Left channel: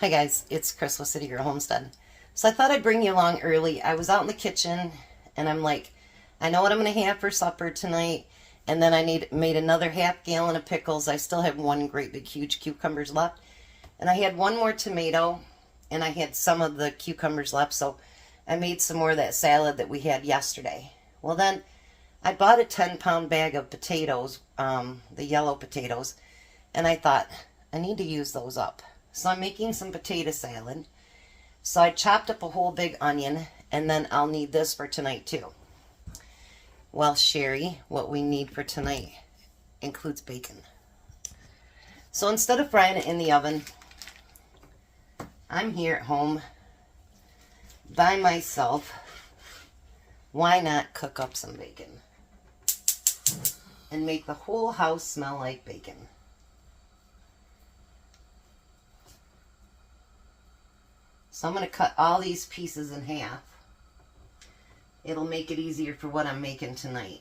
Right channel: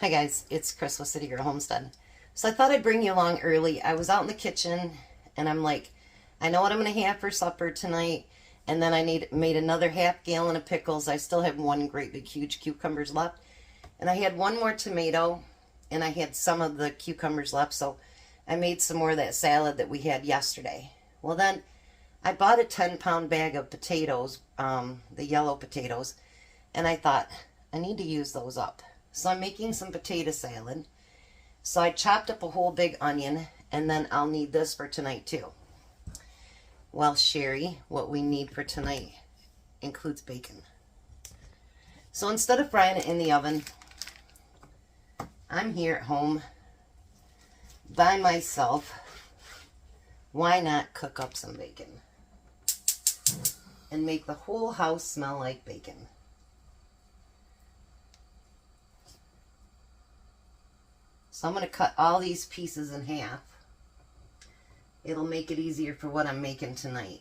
Hi guys, it's Chris with City Girl Homestead. So I thought I'd bring you along early. I was out in the kitchen and I'm like, I know what I'm going to have for supper tonight. And then made another half gallon of pickles. I still have one great big huge cucumbers left. And I had one more tomato and I had some of the cucumbers left. So I made some more of that salad that we had yesterday. Well then, I bought a 10-pound bag of potatoes, the yellow potatoes. And I thought, I need to use those up. So I'm making some potato salad. So I chopped up a whole big onion, and then I'll need this for tonight too. Well, Sherry, what we need for tonight includes bacon. So instead of frying it in the oven, I'm here at home by myself. Why not cook up some bacon and make the whole house smell like bacon? So I'm going to cut all these pieces in half. It'll make it easier for what I'm making tonight.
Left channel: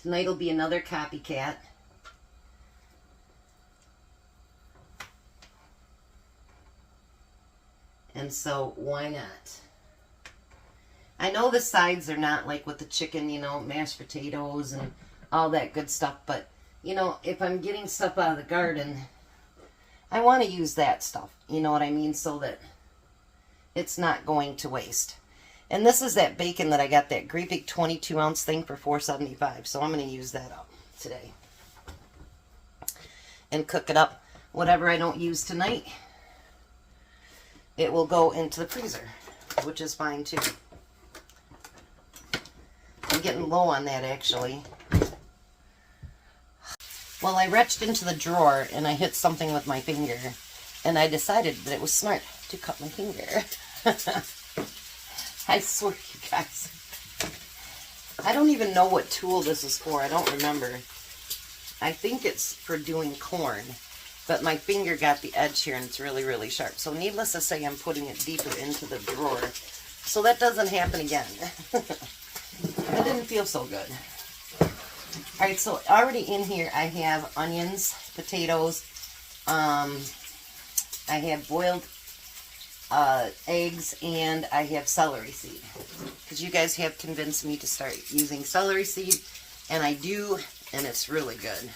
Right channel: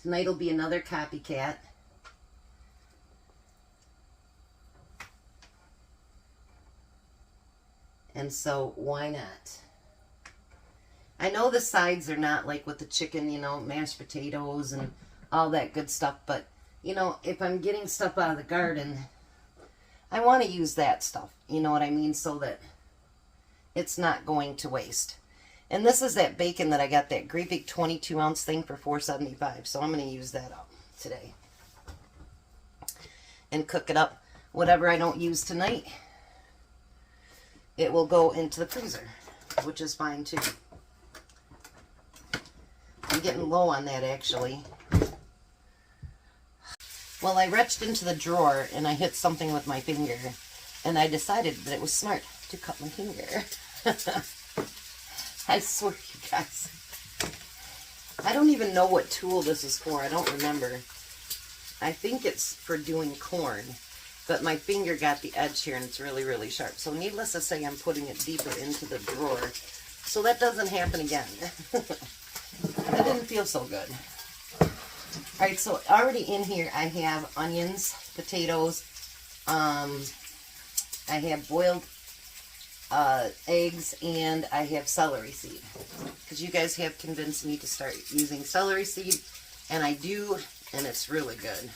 Tonight will be another copycat. And so why not? I know the sides are not like with the chicken, you know, mashed potatoes and all that good stuff. But, you know, if I'm getting stuff out of the garden, I want to use that stuff, you know what I mean, so that it's not going to waste. And this is that bacon that I got, that great big 22-ounce thing for $4.75. So I'm going to use that up today and cook it up. Whatever I don't use tonight, it will go into the freezer, which is fine too. I'm getting low on that actually. Well, I reached into the drawer and I hit something with my finger, and I decided that it was smart to cut my finger. I swear, you guys. I don't even know what tool this is for. I don't remember. I think it's for doing corn, but my finger got the edge here and it's really, really sharp. So needless to say, I'm putting it deeper into the drawer so that doesn't happen again. That didn't feel so good. Alright, so already in here I have onions, potatoes, I have boiled eggs, and I have celery seed. Because you guys have convinced me to start using celery seed, and I do, and it's really good.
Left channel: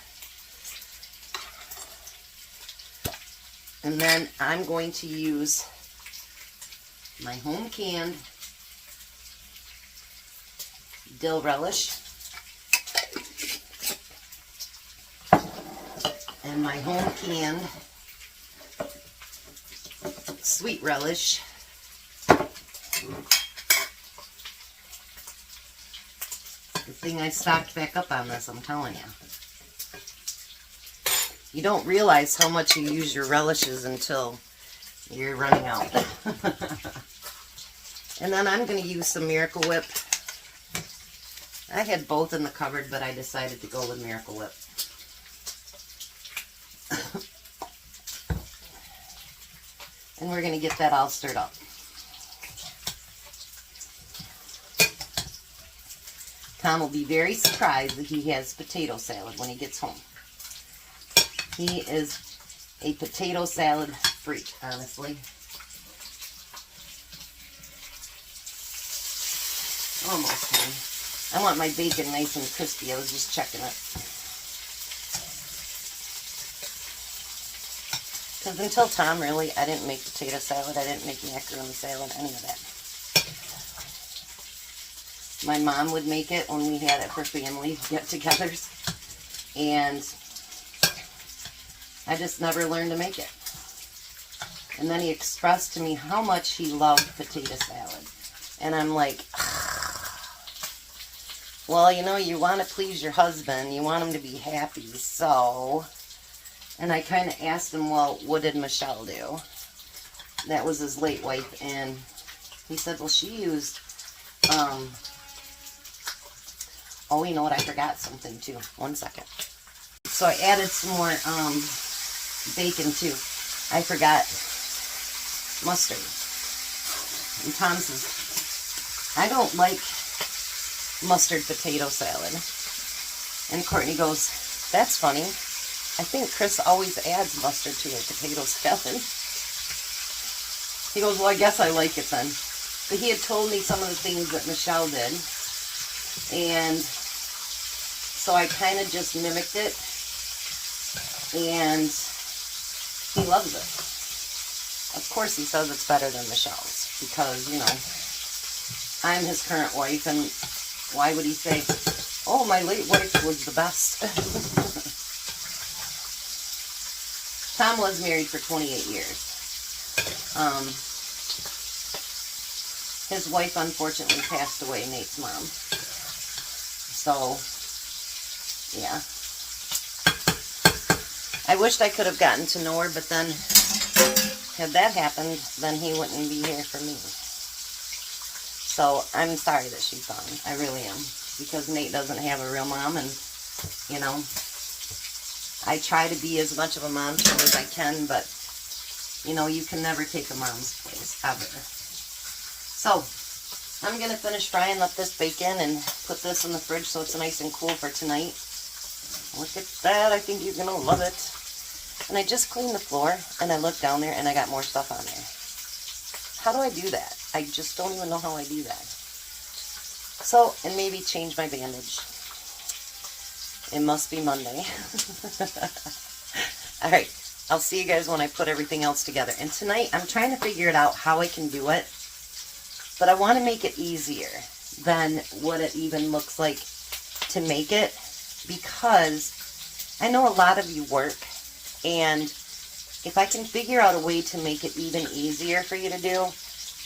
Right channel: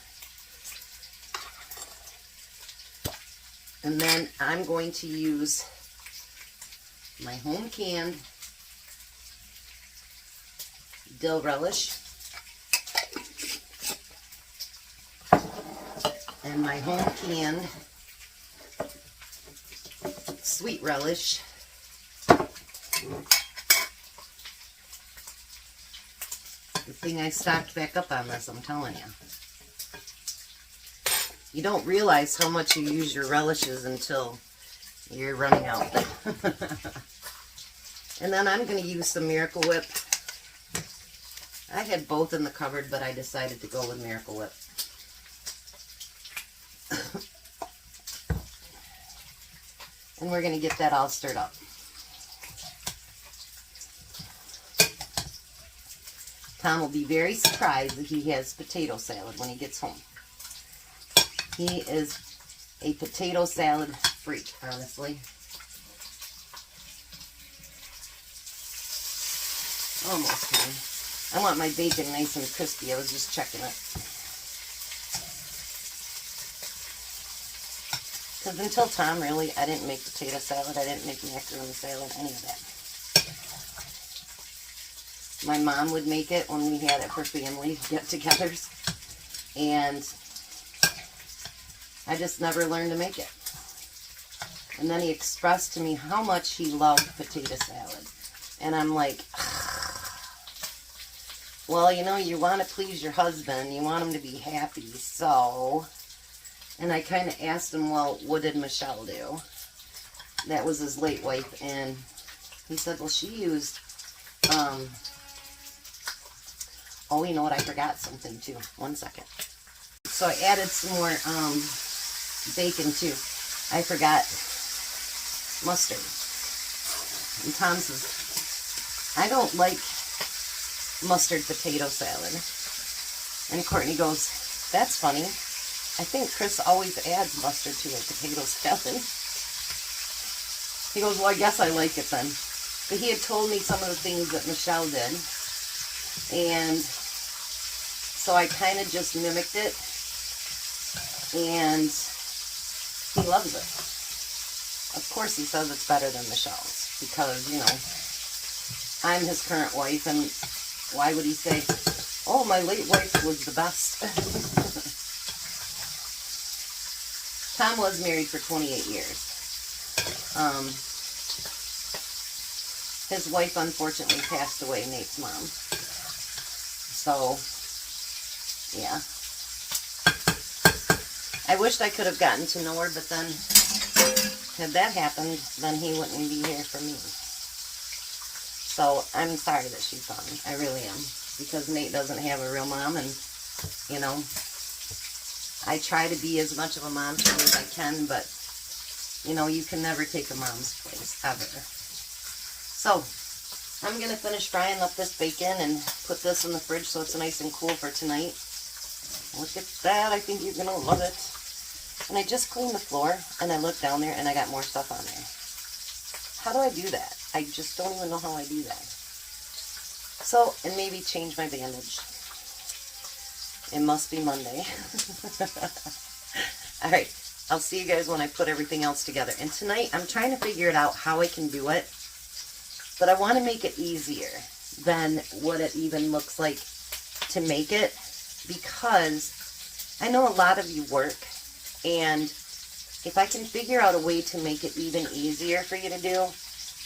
And then I'm going to use my home canned dill relish and my home canned sweet relish. The thing I stocked back up on this, I'm telling you. You don't realize how much you use your relishes until you're running out. And then I'm going to use some Miracle Whip. I had both in the cupboard, but I decided to go with Miracle Whip. And we're going to get that all stirred up. Tom will be very surprised that he has potato salad when he gets home. He is a potato salad freak, honestly. Almost done. I want my bacon nice and crispy. I was just checking it. Because until Tom, really, I didn't make potato salad. I didn't make macaroni salad, any of that. My mom would make it when we had it for family get-togethers. And I just never learned to make it. And then he expressed to me how much he loved potato salad. And I'm like, well, you know, you want to please your husband. You want him to be happy, so... And I kind of asked him, well, what did Michelle do? That was his late wife, and he said, well, she used, oh, you know what, I forgot something, too. 1 second. So I added some more, bacon, too. I forgot mustard. And Tom says, I don't like mustard potato salad. And Courtney goes, that's funny. I think Chris always adds mustard to a potato skeleton. He goes, well, I guess I like it then. But he had told me some of the things that Michelle did. And so I kind of just mimicked it. And he loves it. Of course he says it's better than Michelle's. Because, you know, I'm his current wife. And why would he say, oh, my late wife was the best? Tom was married for 28 years. His wife unfortunately passed away, Nate's mom. So, yeah. I wished I could have gotten to know her, but then, had that happened, then he wouldn't be here for me. So, I'm sorry that she's gone. I really am. Because Nate doesn't have a real mom, and, you know, I try to be as much of a mom to her as I can, but, you know, you can never take a mom's place, ever. So, I'm going to finish frying up this bacon and put this in the fridge so it's nice and cool for tonight. Look at that. I think you're going to love it. And I just cleaned the floor, and I looked down there, and I got more stuff on there. How do I do that? I just don't even know how I do that. So, and maybe change my bandage. It must be Monday. Alright, I'll see you guys when I put everything else together. And tonight, I'm trying to figure it out how I can do it. But I want to make it easier than what it even looks like to make it. Because I know a lot of you work. And if I can figure out a way to make it even easier for you to do,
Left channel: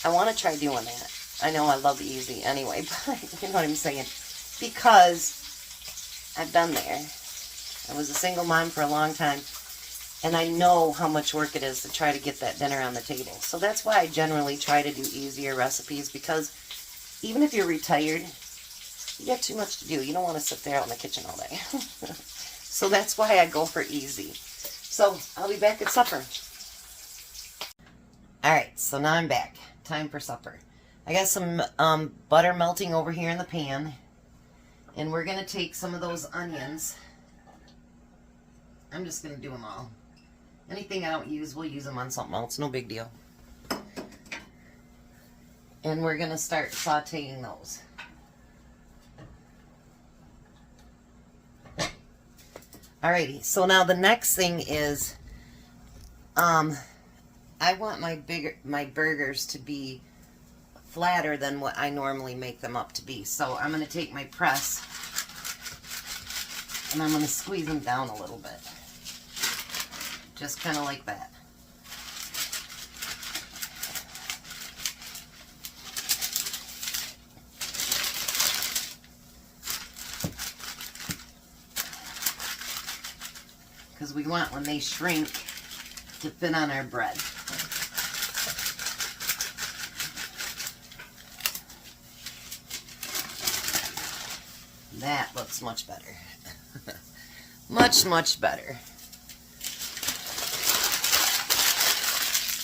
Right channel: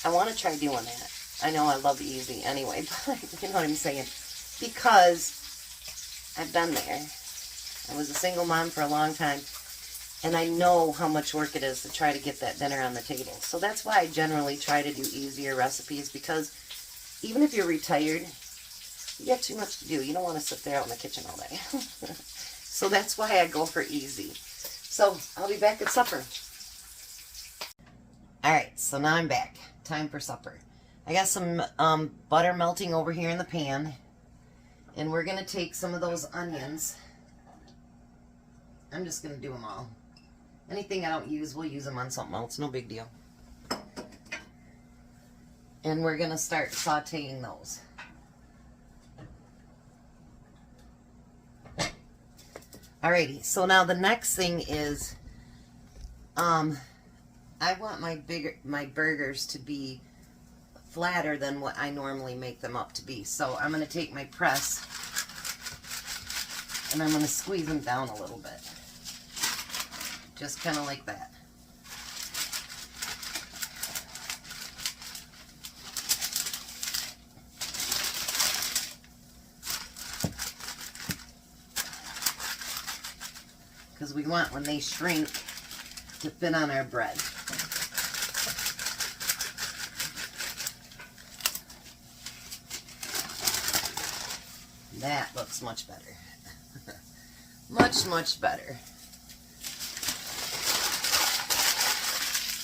I want to try doing that. I know I love easy anyway, but you know what I'm saying. Because I've been there. I was a single mom for a long time. And I know how much work it is to try to get that dinner on the table. So that's why I generally try to do easier recipes. Because even if you're retired, you get too much to do. You don't want to sit there out in the kitchen all day. So that's why I go for easy. So I'll be back at supper. Alright, so now I'm back. Time for supper. I got some butter melting over here in the pan. And we're going to take some of those onions. I'm just going to do them all. Anything I don't use, we'll use them on something else. No big deal. And we're going to start sauteing those. Alrighty, so now the next thing is, I want my burgers to be flatter than what I normally make them up to be. So I'm going to take my press and I'm going to squeeze them down a little bit. Just kind of like that. Because we want, when they shrink, to fit on our bread. That looks much better. Much, much better.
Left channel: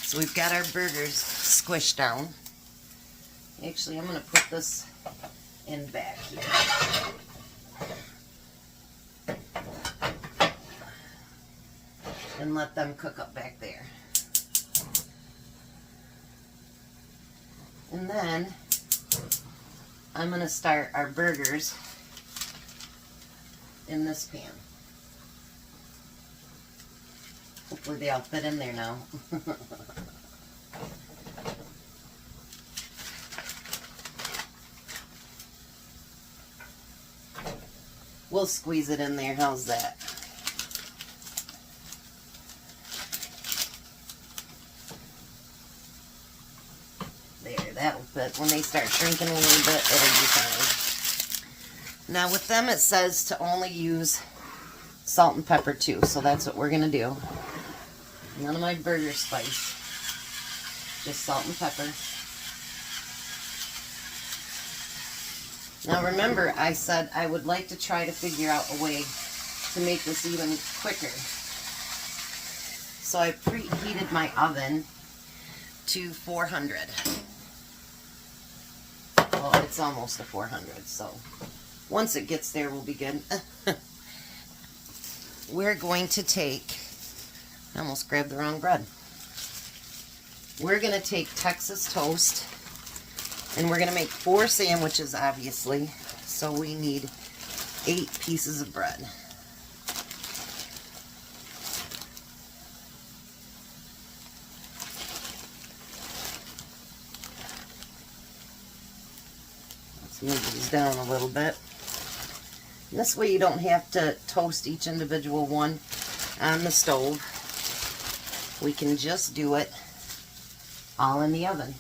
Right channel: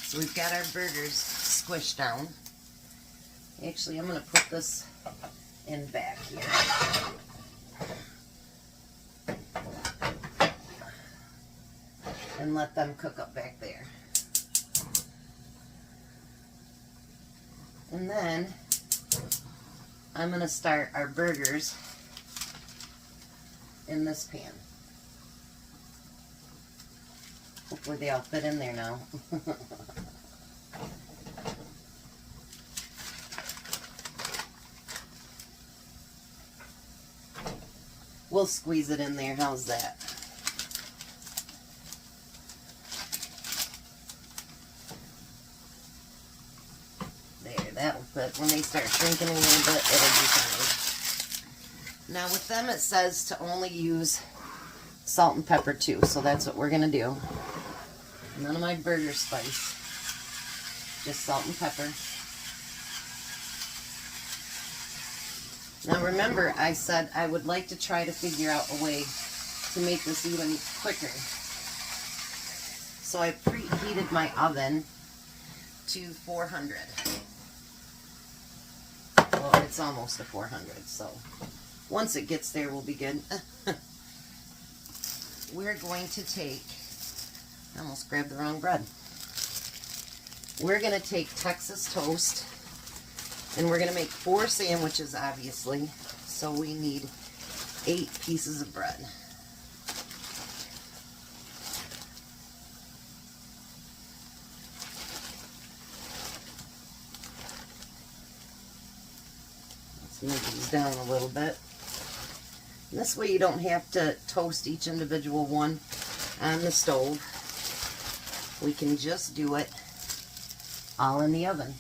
So we've got our burgers squished down. Actually, I'm going to put this in back here. And let them cook up back there. And then I'm going to start our burgers in this pan. Hopefully they all fit in there now. We'll squeeze it in there. How's that? There, that'll fit. When they start shrinking a little bit, it'll be fine. Now with them it says to only use salt and pepper too, so that's what we're going to do. None of my burger spice. Just salt and pepper. Now remember, I said I would like to try to figure out a way to make this even quicker. So I preheated my oven to 400. Well, it's almost to 400, so once it gets there, we'll be good. we're going to take, I almost grabbed the wrong bread. We're going to take Texas toast, and we're going to make 4 sandwiches, obviously. So we need 8 pieces of bread. Let's move these down a little bit. And this way you don't have to toast each individual one on the stove. We can just do it all in the oven.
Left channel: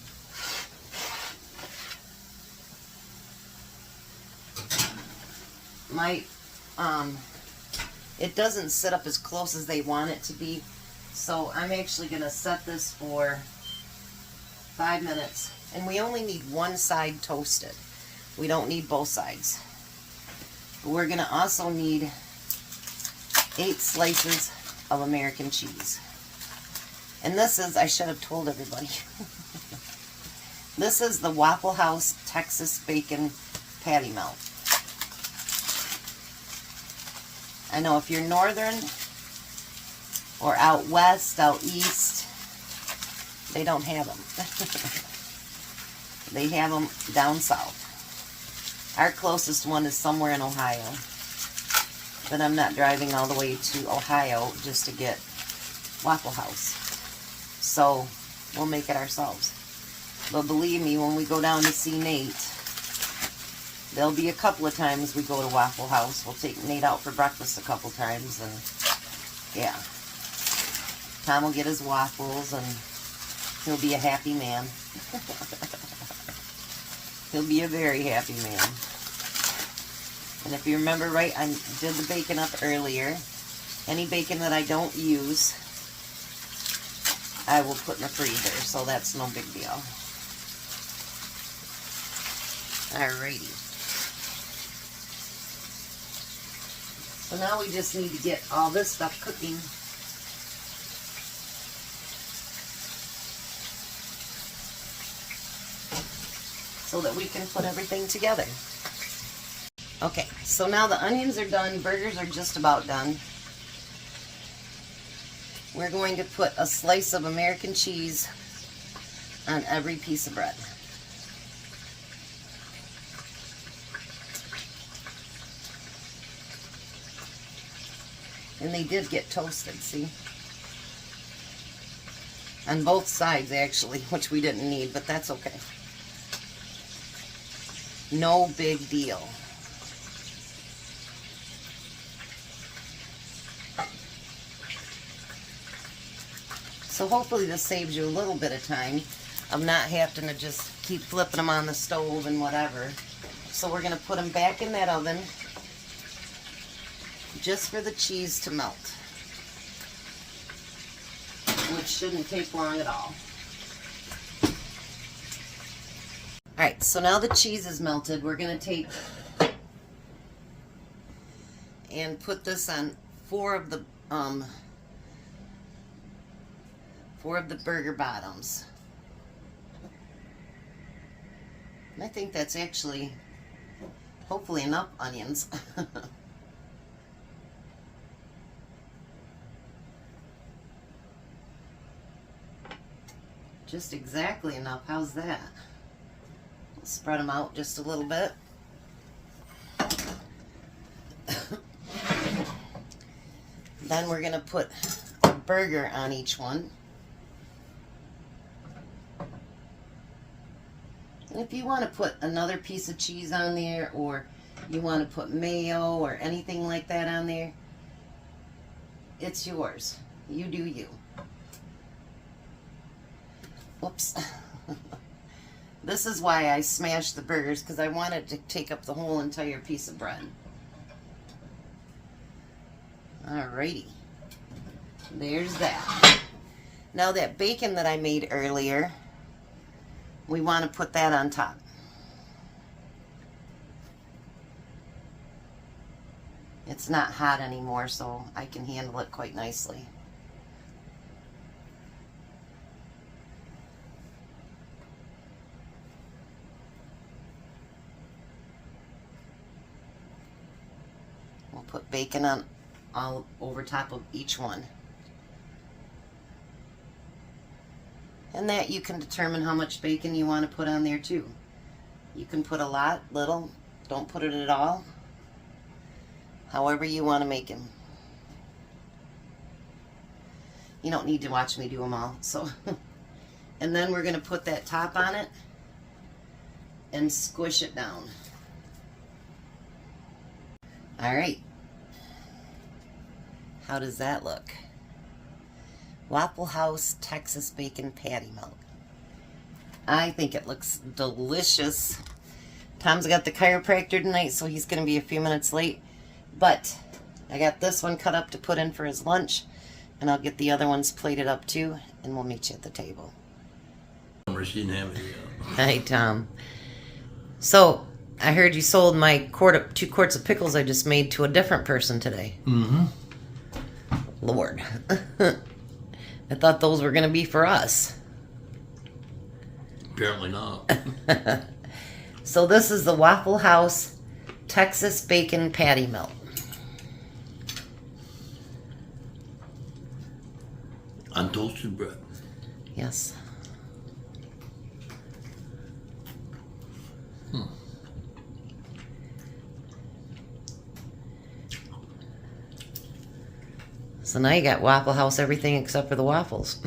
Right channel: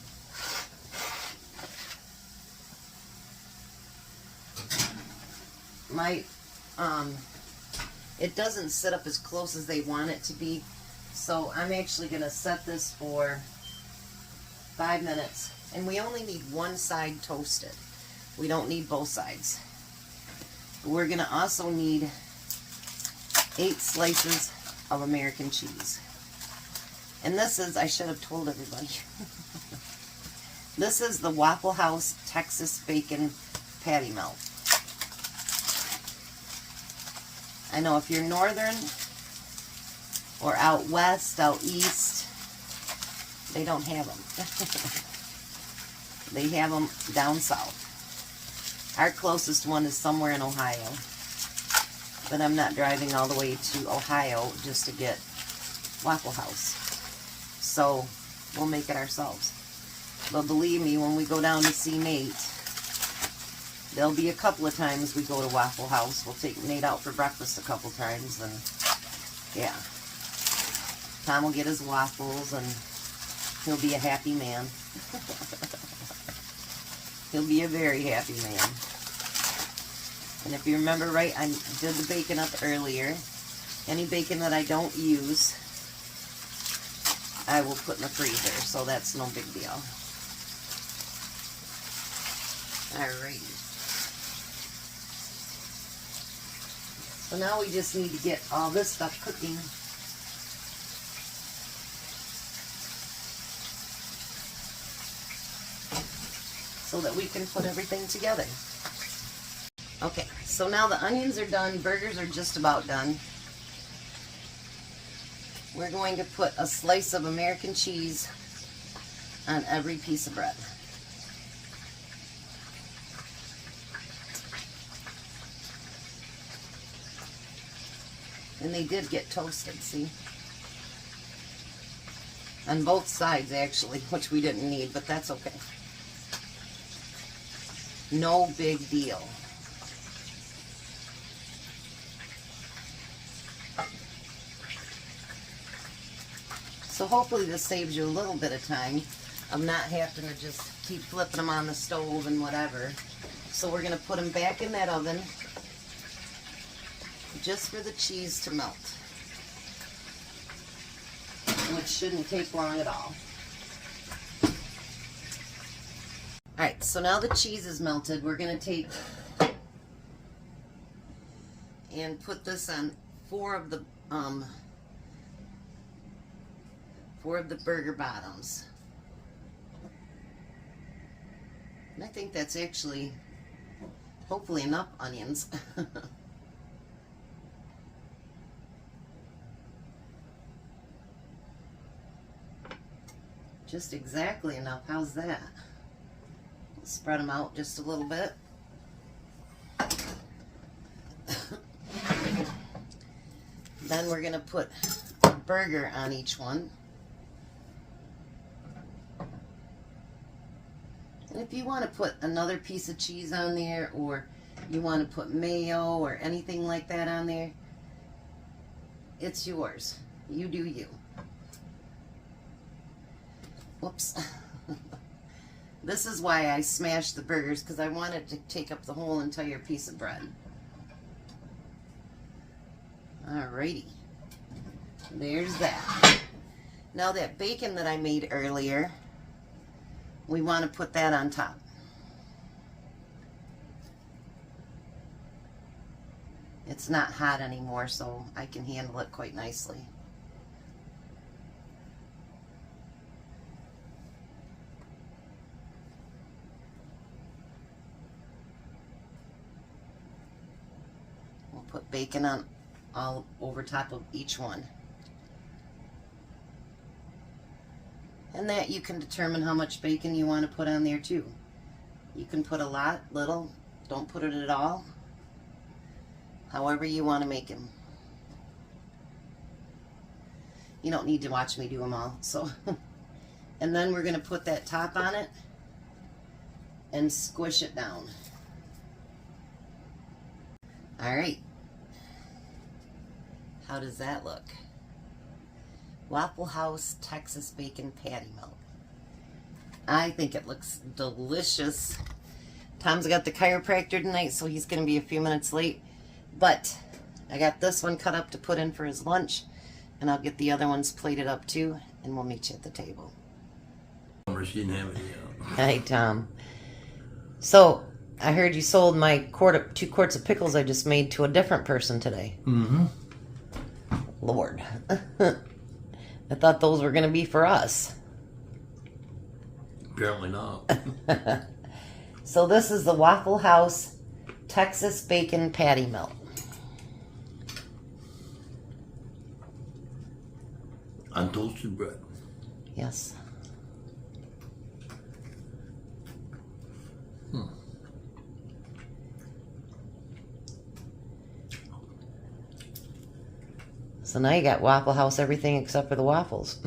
It doesn't sit up as close as they want it to be, so I'm actually going to set this for 5 minutes, and we only need one side toasted. We don't need both sides. We're going to also need 8 slices of American cheese. And this is, I should have told everybody, this is the Waffle House Texas Bacon Patty Melt. I know if you're northern or out west, out east, they don't have them. They have them down south. Our closest one is somewhere in Ohio. But I'm not driving all the way to Ohio just to get Waffle House. So we'll make it ourselves. But believe me, when we go down to see Nate, there'll be a couple of times we go to Waffle House. We'll take Nate out for breakfast a couple times, and yeah. Tom will get his waffles, and he'll be a happy man. He'll be a very happy man. And if you remember right, I did the bacon up earlier. Any bacon that I don't use, I will put in the freezer, so that's no big deal. Alrighty. So now we just need to get all this stuff cooking. So that we can put everything together. Okay, so now the onions are done, burgers are just about done. We're going to put a slice of American cheese on every piece of bread. And they did get toasted, see? On both sides, actually, which we didn't need, but that's okay. No big deal. So hopefully this saves you a little bit of time of not having to just keep flipping them on the stove and whatever. So we're going to put them back in that oven just for the cheese to melt, which shouldn't take long at all. Alright, so now the cheese is melted. We're going to take and put this on 4 of the burger bottoms. And I think that's actually hopefully enough onions. Just exactly enough. How's that? Spread them out just a little bit. Then we're going to put a burger on each one. And if you want to put another piece of cheese on there, or you want to put mayo or anything like that on there, it's yours. You do you. Whoops. This is why I smashed the burgers, because I wanted to take up the whole entire piece of bread. Alrighty. There's that. Now that bacon that I made earlier, we want to put that on top. It's not hot anymore, so I can handle it quite nicely. We'll put bacon on all over top of each one. And that you can determine how much bacon you want to put on there too. You can put a lot, little, don't put it at all. However you want to make them. You don't need to watch me do them all. So, and then we're going to put that top on it and squish it down. All right. How does that look? Waffle House Texas Bacon Patty Melt. I think it looks delicious. Tom's got the chiropractor tonight, so he's going to be a few minutes late. But I got this one cut up to put in for his lunch, and I'll get the other ones plated up too, and we'll meet you at the table. She didn't have it yet. Hi, Tom. So, I heard you sold my 2 quarts of pickles I just made to a different person today. Mm-hmm. Lord. I thought those were going to be for us. Apparently not. So this is the Waffle House Texas Bacon Patty Melt. On toasted bread. Yes. So now you got Waffle House everything except for the waffles.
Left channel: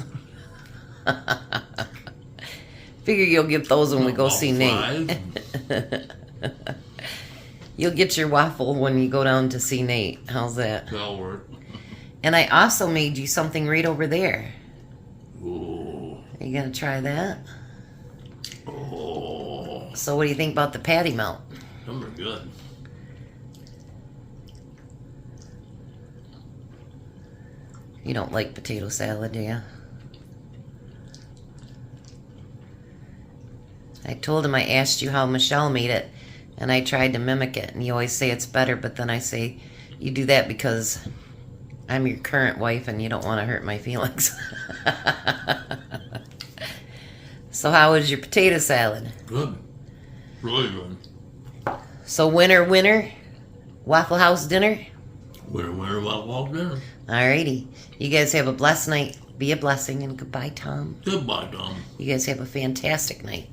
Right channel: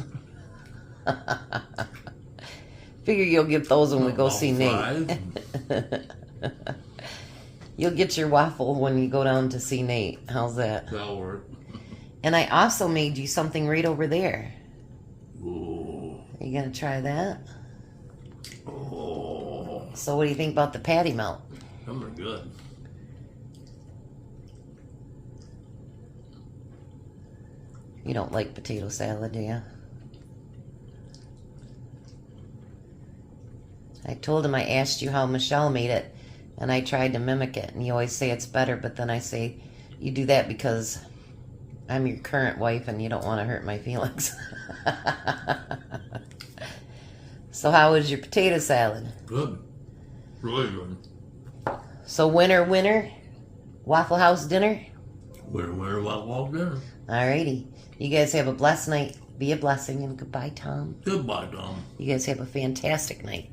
Figure you'll get those when we go see Nate. You'll get your waffle when you go down to see Nate. How's that? That'll work. And I also made you something right over there. Oh. Are you gonna try that? Oh. So what do you think about the patty melt? Them are good. You don't like potato salad, do you? I told him I asked you how Michelle made it, and I tried to mimic it, and you always say it's better, but then I say you do that because I'm your current wife and you don't want to hurt my feelings. So how was your potato salad? Good. Really good. So winner, Waffle House dinner? Winner, Waffle House dinner. Alrighty. You guys have a blessed night. Be a blessing, and goodbye, Tom. Goodbye, Tom. You guys have a fantastic night.